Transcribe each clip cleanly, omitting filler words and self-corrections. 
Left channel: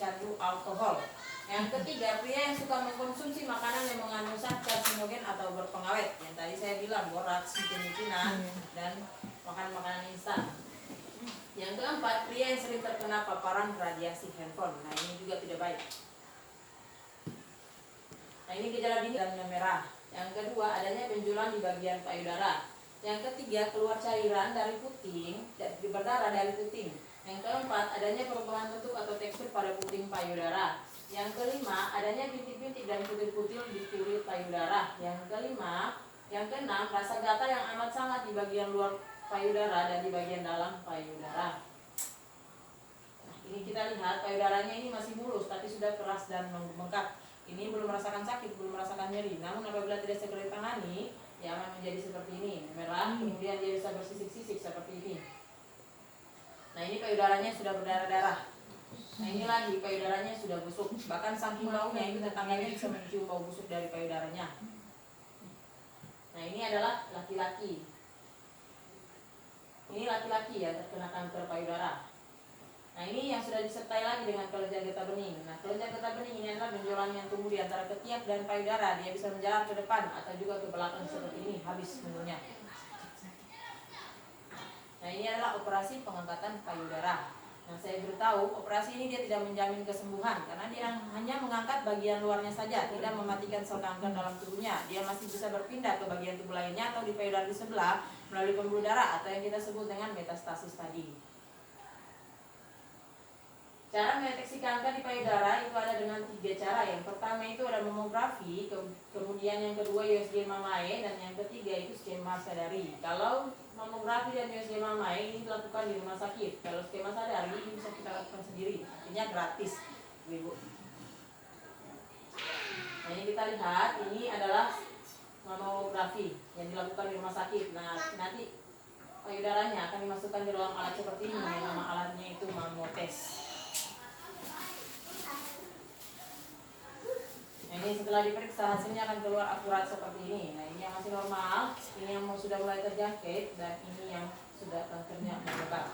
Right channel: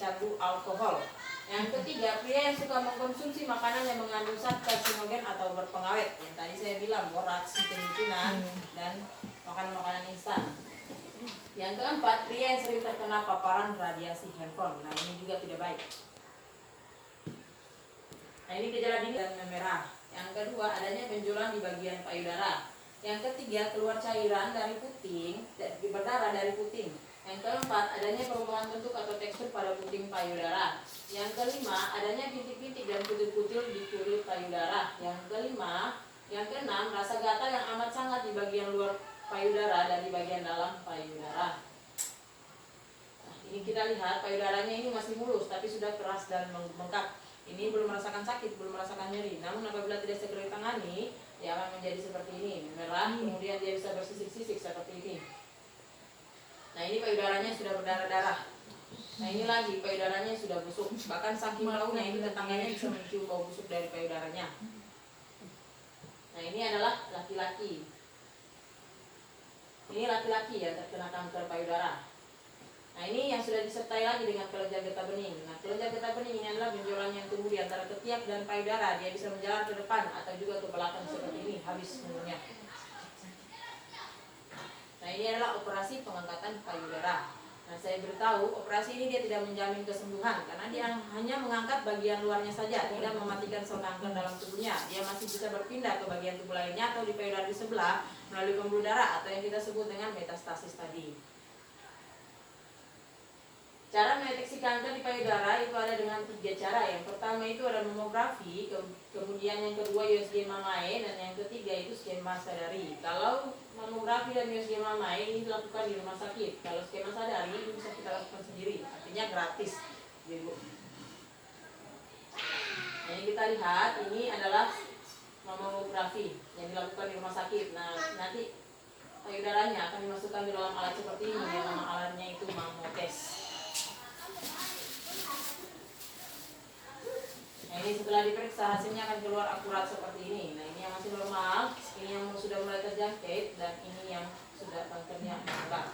pecandu alkohol. Yang ketiga, pria yang suka mengkonsumsi makanan yang mengandung zat karsinogen atau berpengawet. Yang tadi saya bilang, boraks, penicinan, dan makan makanan instan. Yang keempat, pria yang sering terkena paparan radiasi handphone. Nah, ini juga tidak baik. Nah, ini gejala dini dan memerah. Yang kedua, adanya benjolan di bagian payudara. Yang ketiga, keluar cairan dari puting, berdarah dari puting. Yang keempat, adanya perubahan bentuk atau tekstur pada puting payudara. Yang kelima, adanya bintik-bintik dan kutil-kutil di kulit payudara. Yang keenam, rasa gatal yang amat sangat di bagian luar payudara dan di bagian dalam payudara. Nah, ini kita lihat payudaranya ini masih mulus, tapi sudah keras dan membengkak. Ini belum merasakan sakit, belum merasakan nyeri. Namun apabila tidak segera ditangani, dia akan menjadi seperti ini, merah, kemudian dia bisa bersisik-sisik seperti ini. Nah, ini payudaranya sudah berdarah-darah. Nah, ini lagi payudaranya sudah busuk. Bahkan saking baunya ini tetangganya bisa mencium bau busuk dari payudaranya. Nah, ini adalah laki-laki. Ini laki-laki yang terkena kanker payudara. Nah, ini yang sudah disertai lagi dengan kelenjar getah bening. Nah, kelenjar getah bening ini adalah benjolan yang tumbuh di antara ketiak dan payudara. Dia bisa menjalar ke depan atau juga ke belakang seperti ini, habis umurnya. Nah, ini adalah operasi pengangkatan payudara. Nah, saya beritahu operasi ini dia tidak menjamin kesembuhan karena dia hanya mengangkat bagian luarnya saja, tidak mematikan sel kanker dalam tubuhnya. Dia masih bisa berpindah ke bagian tubuh lainnya atau di payudara di sebelah melalui pembuluh darah atau yang kita sebut dengan metastasis tadi. Cara mendeteksi kanker di payudara itu ada dengan 3 cara. Yang pertama itu ada mamografi, kemudian yang kedua USG Mamae, dan yang ketiga itu skema sadari. Kalau mamografi dan USG Mamae ini dilakukan di rumah sakit. Kalau skema sadari ini bisa kita lakukan sendiri, artinya gratis, Ibu. Nah, ini kita lihat, ini adalah mamografi yang dilakukan di rumah sakit. Nah, nanti payudaranya akan dimasukkan di dalam alat seperti ini. Nama alatnya itu mamotes. Nah, ini setelah diperiksa hasilnya akan keluar akurat seperti ini. Nah, ini yang masih normal, ini yang sudah mulai terjangkit, dan ini yang sudah kankernya menyebar.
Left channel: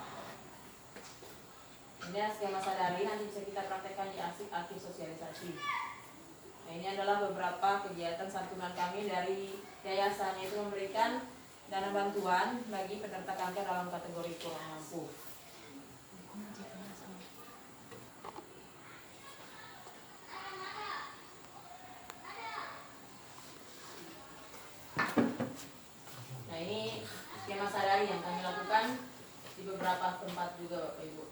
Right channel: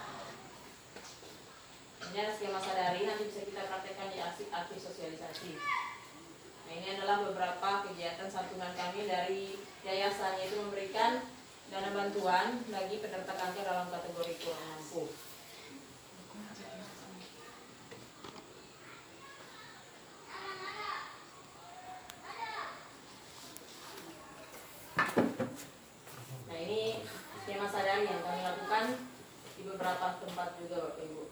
Ini skema sadari, nanti bisa kita praktekkan di arsip sosialisasi. Nah, ini adalah beberapa kegiatan santunan kami dari yayasan, yaitu memberikan dana bantuan bagi penderita kanker dalam kategori kurang mampu. Nah, ini skema sadari yang kami lakukan di beberapa tempat juga, Bapak Ibu.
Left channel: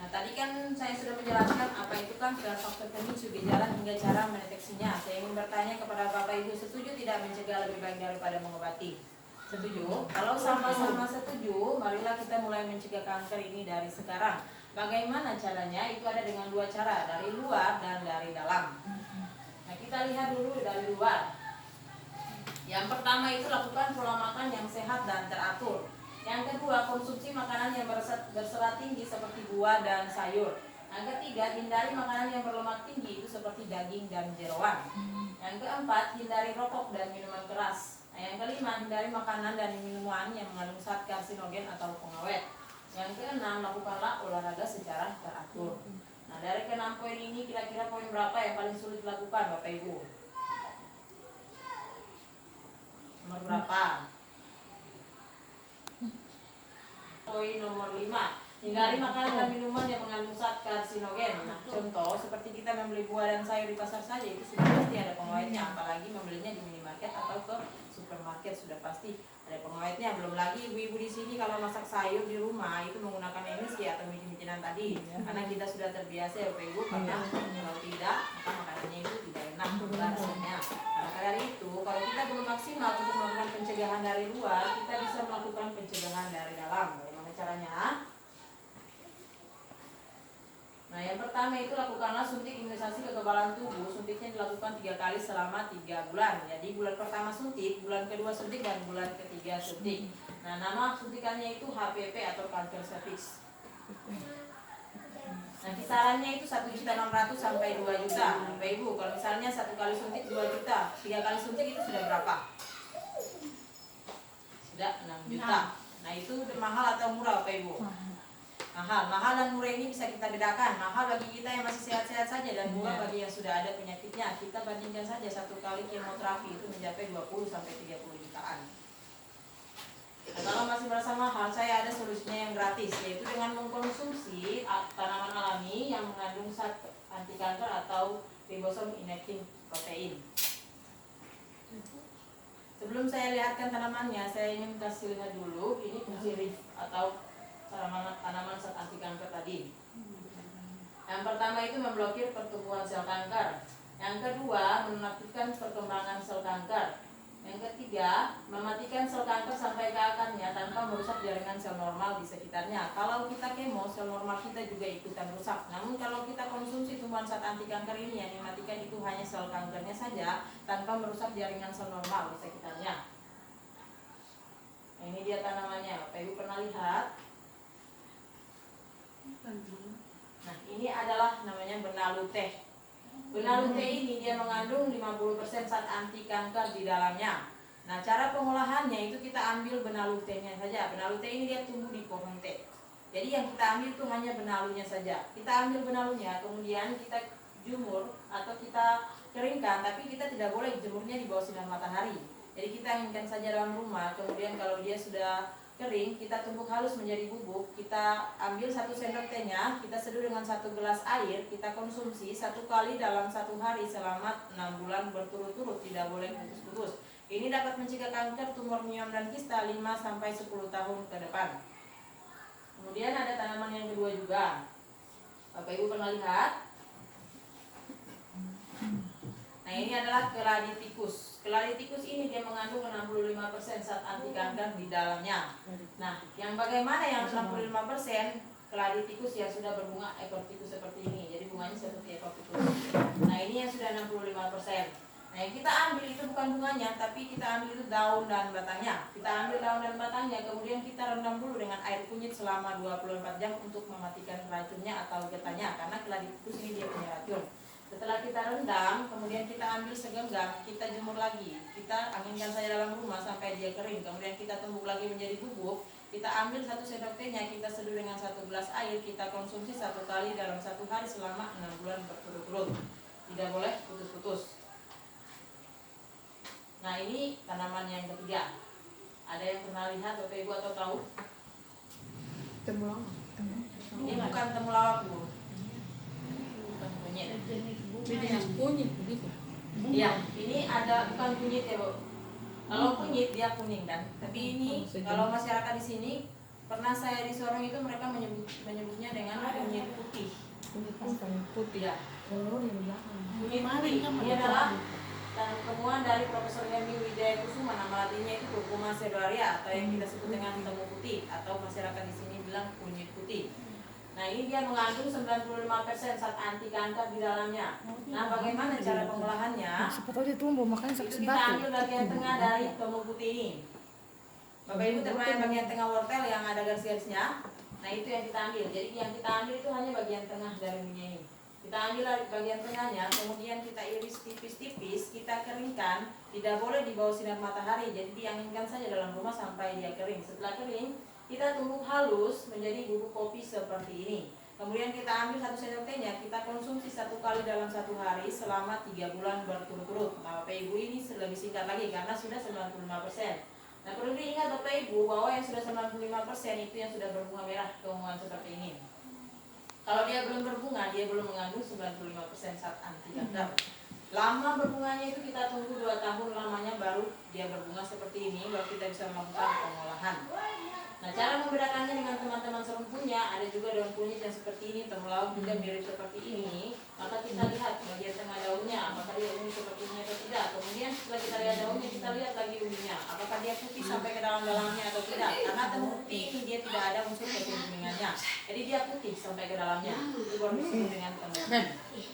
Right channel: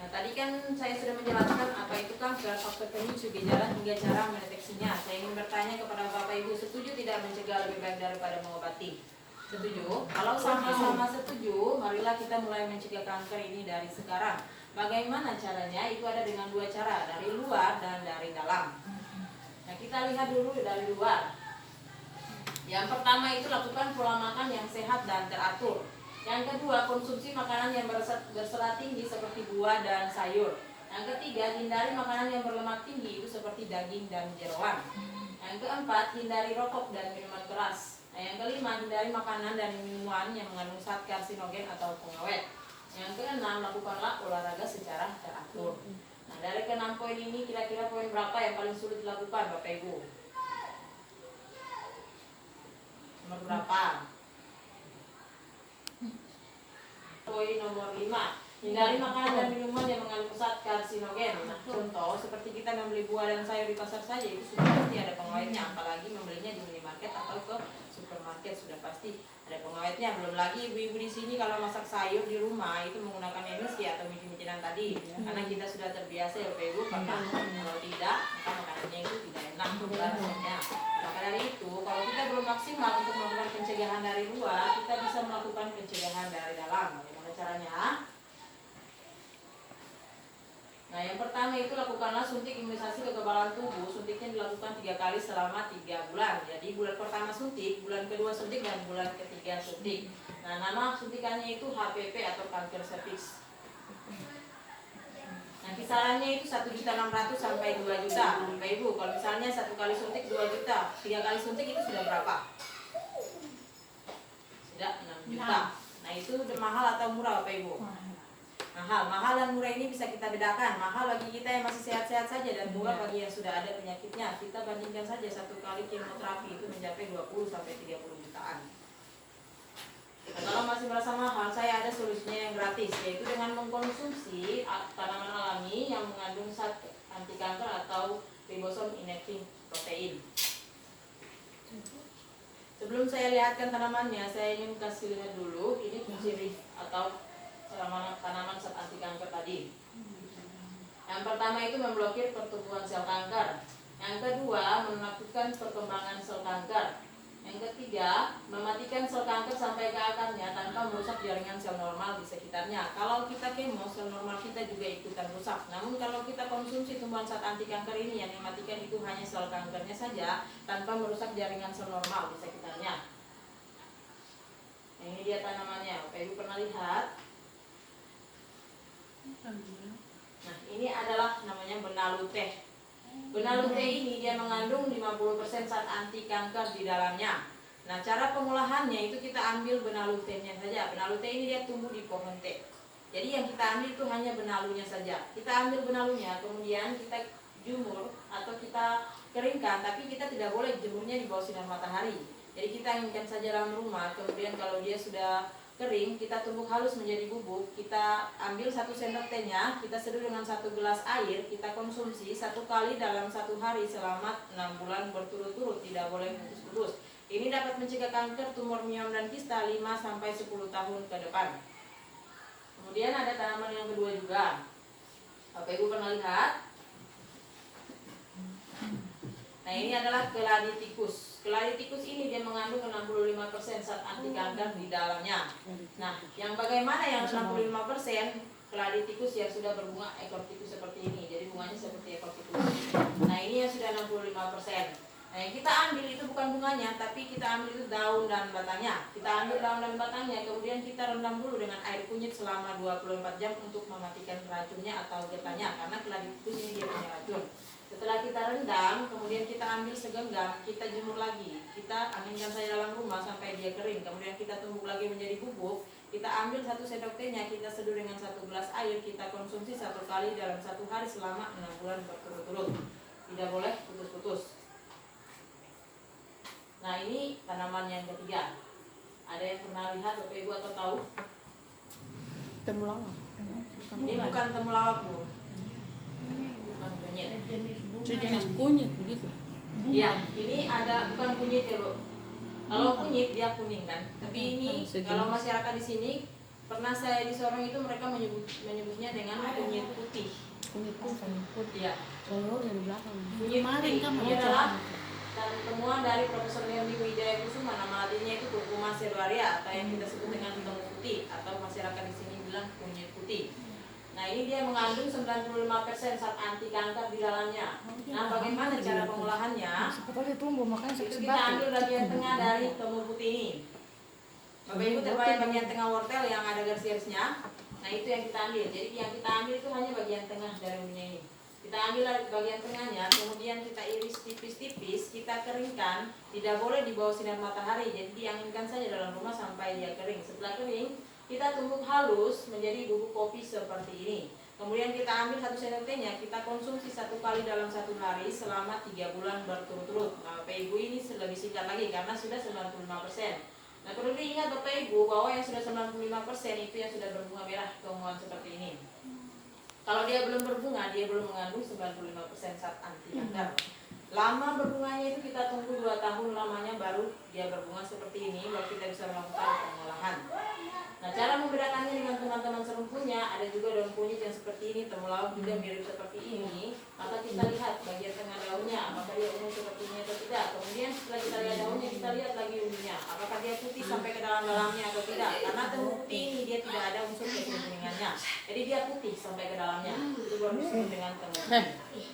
Nah, tadi kan saya sudah menjelaskan apa itu kanker, faktor pemicu, gejala hingga cara mendeteksinya. Saya ingin bertanya kepada Bapak Ibu, setuju tidak mencegah lebih baik daripada mengobati? Setuju? Kalau sama-sama setuju, marilah kita mulai mencegah kanker ini dari sekarang. Bagaimana caranya? Itu ada dengan 2 cara, dari luar dan dari dalam. Nah, kita lihat dulu dari luar. Yang pertama itu lakukan pola makan yang sehat dan teratur. Yang kedua, konsumsi makanan yang berserat tinggi seperti buah dan sayur. Yang ketiga, hindari makanan yang berlemak tinggi itu seperti daging dan jeroan. Yang keempat, hindari rokok dan minuman keras. Nah, yang kelima, hindari makanan dan minuman yang mengandung zat karsinogen atau pengawet. Yang keenam, lakukanlah olahraga secara teratur. Nah, dari ke-6 poin ini kira-kira poin berapa yang paling sulit dilakukan, Bapak Ibu? Nomor berapa? Poin nomor 5. Hindari makanan dan minuman yang mengandung zat karsinogen. Nah, contoh seperti kita membeli buah dan sayur di pasar saja itu sudah pasti ada pengawetnya, apalagi membelinya di minimarket atau ke supermarket sudah pasti ada pengawetnya. Belum lagi ibu-ibu di sini kalau masak sayur di rumah itu menggunakan MSG atau micin-micinan tadi, karena kita sudah terbiasa ya Bapak Ibu, karena kalau tidak maka makanannya itu tidak enak rasanya. Maka dari itu kalau kita belum maksimal untuk melakukan pencegahan dari luar, kita bisa melakukan pencegahan dari dalam. Bagaimana caranya? Nah, yang pertama itu lakukanlah suntik imunisasi kekebalan tubuh. Suntiknya dilakukan 3 kali selama 3 bulan. Jadi bulan pertama suntik, bulan kedua suntik, dan bulan ketiga suntik. Nah, nama suntikannya itu HPV atau kanker serviks. Nah, Nah kisarannya itu 1.600.000 sampai 2 juta. Nah, Bapak Ibu, kalau misalnya satu kali suntik 2 juta, 3 kali suntik itu sudah berapa? Sudah 6 juta. Nah itu mahal atau murah Bapak Ibu? Mahal dan murah ini bisa kita bedakan. Mahal bagi kita yang masih sehat-sehat saja dan murah bagi yang sudah ada penyakitnya. Kita bandingkan saja satu kali kemoterapi itu mencapai 20 sampai 30 jutaan. Nah, kalau masih merasa mahal, saya ada solusinya yang gratis, yaitu dengan mengkonsumsi tanaman alami yang mengandung zat anti kanker atau ribosom inactive protein. Sebelum saya lihatkan tanamannya, saya ingin kasih lihat dulu ini fungsi atau tanaman zat anti kanker tadi. Yang pertama itu memblokir pertumbuhan sel kanker. Yang kedua, menakutkan perkembangan sel kanker. Yang ketiga, mematikan sel kanker sampai ke akarnya tanpa merusak jaringan sel normal di sekitarnya. Kalau kita kemo, sel normal kita juga ikutan rusak. Namun kalau kita konsumsi tumbuhan zat anti kanker ini, yang mematikan itu hanya sel kankernya saja tanpa merusak jaringan sel normal di sekitarnya. Nah, ini dia tanamannya. Bapak Ibu pernah lihat? Nah, ini adalah namanya benalu teh. Benalu teh ini dia mengandung 50% zat anti kanker di dalamnya. Nah, cara pengolahannya itu kita ambil benalu tehnya saja. Benalu teh ini dia tumbuh di pohon teh. Jadi yang kita ambil itu hanya benalunya saja. Kita ambil benalunya, kemudian kita jemur atau kita keringkan, tapi kita tidak boleh jemurnya di bawah sinar matahari. Jadi kita inginkan saja dalam rumah, kemudian kalau dia sudah kering, kita tumbuk halus menjadi bubuk. Kita ambil 1 sendok tehnya, kita seduh dengan 1 gelas air, kita konsumsi 1 kali dalam 1 hari selama 6 bulan berturut-turut, tidak boleh putus-putus. Ini dapat mencegah kanker, tumor miom dan kista 5-10 tahun ke depan. Kemudian ada tanaman yang kedua juga. Bapak Ibu pernah lihat? Nah, ini adalah keladi tikus. Keladi tikus ini dia mengandung 65% zat anti kanker di dalamnya. Nah, yang bagaimana yang 65%? Keladi tikus yang sudah berbunga ekor tikus seperti ini. Jadi bunganya seperti ekor tikus. Nah, ini yang sudah 65%. Nah, yang kita ambil itu bukan bunganya, tapi kita ambil itu daun dan batangnya. Kita ambil daun dan batangnya, kemudian kita rendam dulu dengan air kunyit selama 24 jam untuk mematikan racunnya atau getahnya, karena keladi tikus ini dia punya racun. Setelah kita rendam, kemudian kita ambil segenggam, kita jemur lagi. Kita anginkan saja dalam rumah sampai dia kering. Kemudian kita tumbuk lagi menjadi bubuk. Kita ambil 1 sendok tehnya, kita seduh dengan 1 gelas air. Kita konsumsi 1 kali dalam 1 hari selama 6 bulan berturut-turut. Tidak boleh putus-putus. Nah, ini tanaman yang ketiga. Ada yang pernah lihat Bapak Ibu atau tahu? Temulawak. Ini bukan temulawak, Bu. Bukan kunyit. Jadi yang kunyit begitu. Iya, ini ada bukan kunyit ya, Bu. Kalau kunyit dia kuning kan. Tapi ini kalau masyarakat di sini pernah saya di Sorong itu mereka menyebutnya dengan kunyit putih. Kunyit putih. Iya. Kunyit Putih. Ini adalah temuan dari Profesor Hendy Wijaya Kusuma, nama latinnya itu Curcuma cerearia atau yang kita sebut dengan temu putih atau masyarakat di sini bilang kunyit putih. Nah, ini dia mengandung 95% zat anti kanker di dalamnya. Nah, bagaimana cara pengolahannya? Seperti tumbuh makanya Itu kita ambil bagian tengah dari temu putih ini. Bapak Ibu terbayang bagian tengah wortel yang ada garis-garisnya. Nah, itu yang kita ambil. Jadi yang kita ambil itu hanya bagian tengah dari minyak ini. Kita ambil dari bagian tengahnya, kemudian kita iris tipis-tipis, kita keringkan. Tidak boleh di bawah sinar matahari, jadi dianginkan saja dalam rumah sampai dia kering. Setelah kering, kita tumbuk halus menjadi bubuk kopi seperti ini. Kemudian kita ambil 1 sendok tehnya, kita konsumsi 1 kali dalam 1 hari selama 3 bulan berturut-turut. Nah, Bapak Ibu ini lebih singkat lagi karena sudah 95%. Nah, perlu diingat Bapak Ibu bahwa yang sudah 95% itu yang sudah berbunga merah keunguan seperti ini. Kalau dia belum berbunga, dia belum mengandung 95% zat anti kanker. Lama berbunganya itu kita tunggu 2 tahun lamanya baru dia berbunga seperti ini, baru kita bisa melakukan pengolahan. Nah, cara membedakannya dengan teman-teman serumpunya, ada juga daun kunyit yang seperti ini, temulawak juga mirip seperti ini. Maka kita lihat bagian tengah daunnya, apakah dia ungu seperti ini atau tidak. Kemudian setelah kita lihat daunnya, kita lihat lagi ungunya, apakah dia putih sampai ke dalam-dalamnya atau tidak. Karena temu putih ini dia tidak ada unsur kekuningannya, jadi dia putih sampai ke dalamnya. Itu baru disebut dengan temu putih.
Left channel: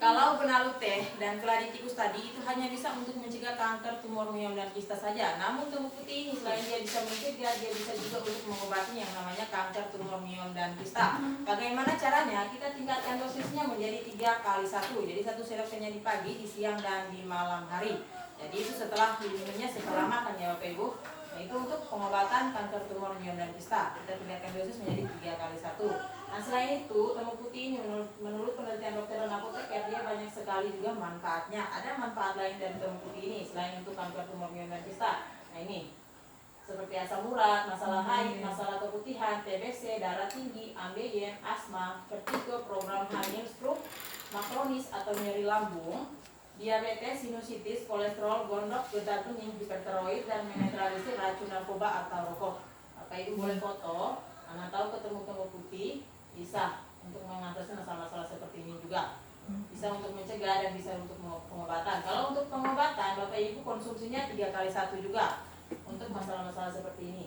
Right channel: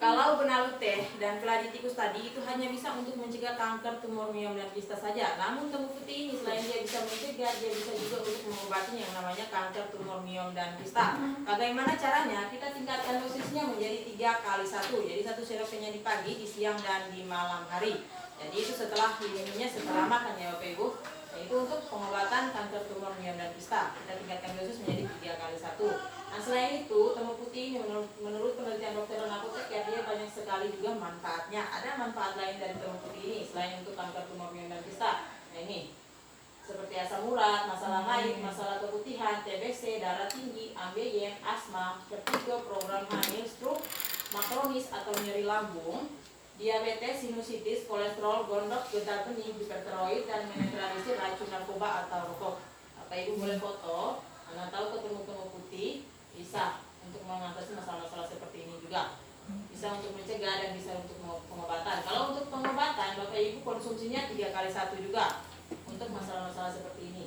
Kalau benalu teh dan kladitikus tadi itu hanya bisa untuk mencegah kanker, tumor miom dan kista saja. Namun temu putih ini selain dia bisa mencegah, dia bisa juga untuk mengobati yang namanya kanker, tumor miom dan kista. Bagaimana caranya? Kita tingkatkan dosisnya menjadi 3 kali 1. Jadi 1 sirupnya di pagi, di siang dan di malam hari. Jadi itu setelah diminumnya setelah makan ya Bapak Ibu. Nah, itu untuk pengobatan kanker, tumor miom dan kista. Kita tingkatkan dosis menjadi 3 kali 1. Nah selain itu temu putih ini menurut penelitian dokter dan apoteker dia banyak sekali juga manfaatnya. Ada manfaat lain dari temu putih ini selain untuk kanker, tumor miom dan kista. Nah ini seperti asam urat, masalah haid, masalah keputihan, TBC, darah tinggi, ambeien, asma, vertigo, program hamil, stroke, makronis atau nyeri lambung, diabetes, sinusitis, kolesterol, gondok, getah bening, hipertiroid dan menetralisir racun narkoba atau rokok. Bapak Ibu boleh foto, Anda tahu ketemu temu putih bisa untuk mengatasi masalah-masalah seperti ini juga, bisa untuk mencegah dan bisa untuk pengobatan. Kalau untuk pengobatan Bapak Ibu konsumsinya 3 kali 1 juga untuk masalah-masalah seperti ini.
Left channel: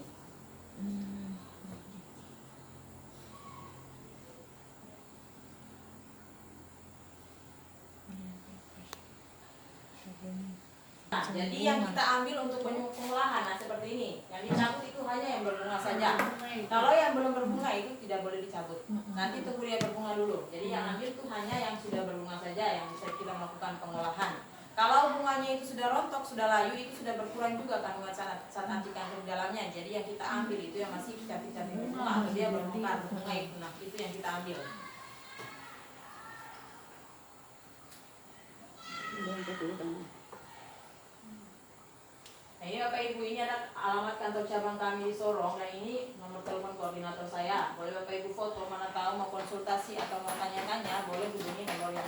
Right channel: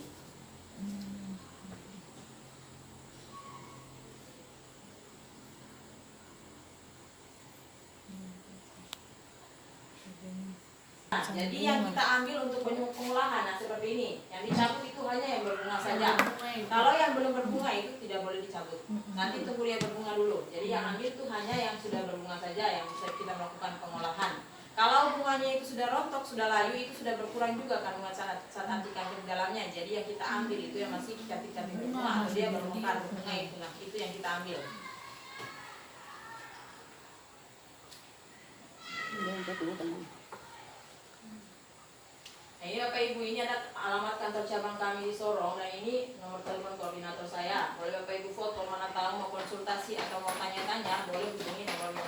Nah, jadi yang kita ambil untuk pengolahan nah seperti ini, yang dicabut itu hanya yang berbunga saja. Kalau yang belum berbunga itu tidak boleh dicabut. Nanti tunggu dia berbunga dulu. Jadi yang ambil itu hanya yang sudah berbunga saja yang bisa kita melakukan pengolahan. Kalau bunganya itu sudah rontok, sudah layu, itu sudah berkurang juga kandungan zat anti kanker di dalamnya. Jadi yang kita ambil itu yang masih cantik-cantik berbunga atau dia bermekar berbunga itu, nah itu yang kita ambil. Nah ini Bapak Ibu, ini ada alamat kantor cabang kami di Sorong dan ini nomor telepon koordinator saya. Boleh Bapak Ibu foto, mana tahu mau konsultasi atau mau tanya-tanya, boleh hubungi nomor yang